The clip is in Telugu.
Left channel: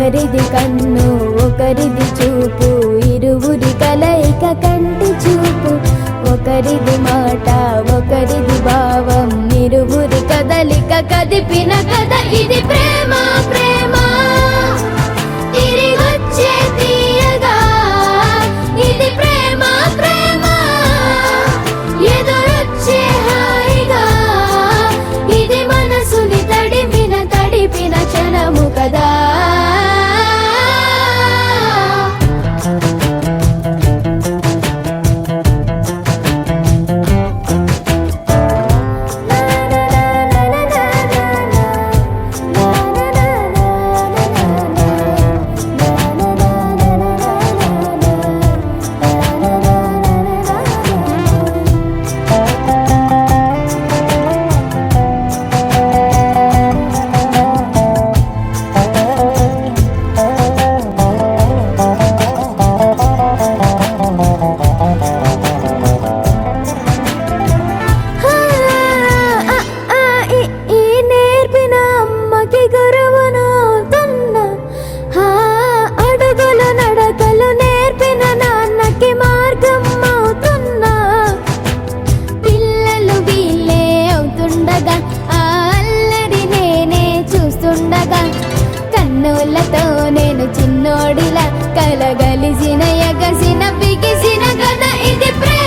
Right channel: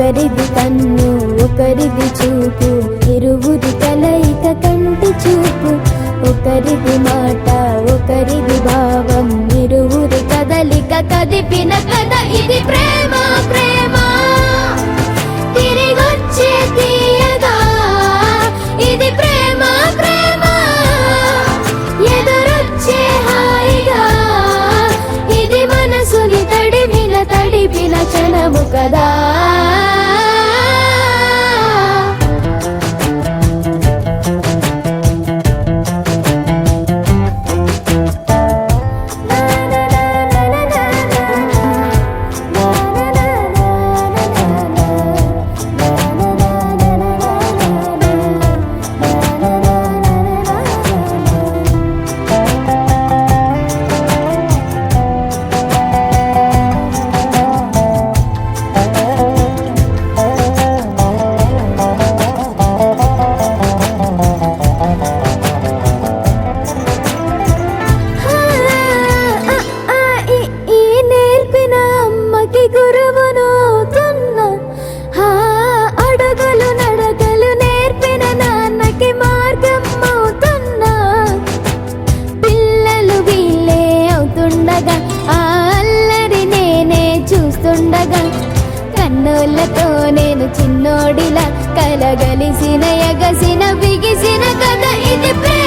ఒకరిది కన్ను ఒకరిది చూపు, ఇరువురి కలయిక కంటి చూపు. ఒకరిది మాట ఒకరిది భావం, ఇరువురి కదలిక కదిపిన కథ ఇది ప్రేమ. ప్రేమ తిరిగొచ్చే తీయగా ఇది ప్రేమ. ప్రేమ ఎదురొచ్చే హాయిగా ఇది మనసుని తడిపిన క్షణము కదా. కన్నులతో నేను చిన్నోడిలా కలగలిసిన ఎగసిన బిగిసిన కథ ఇది ప్రేమ.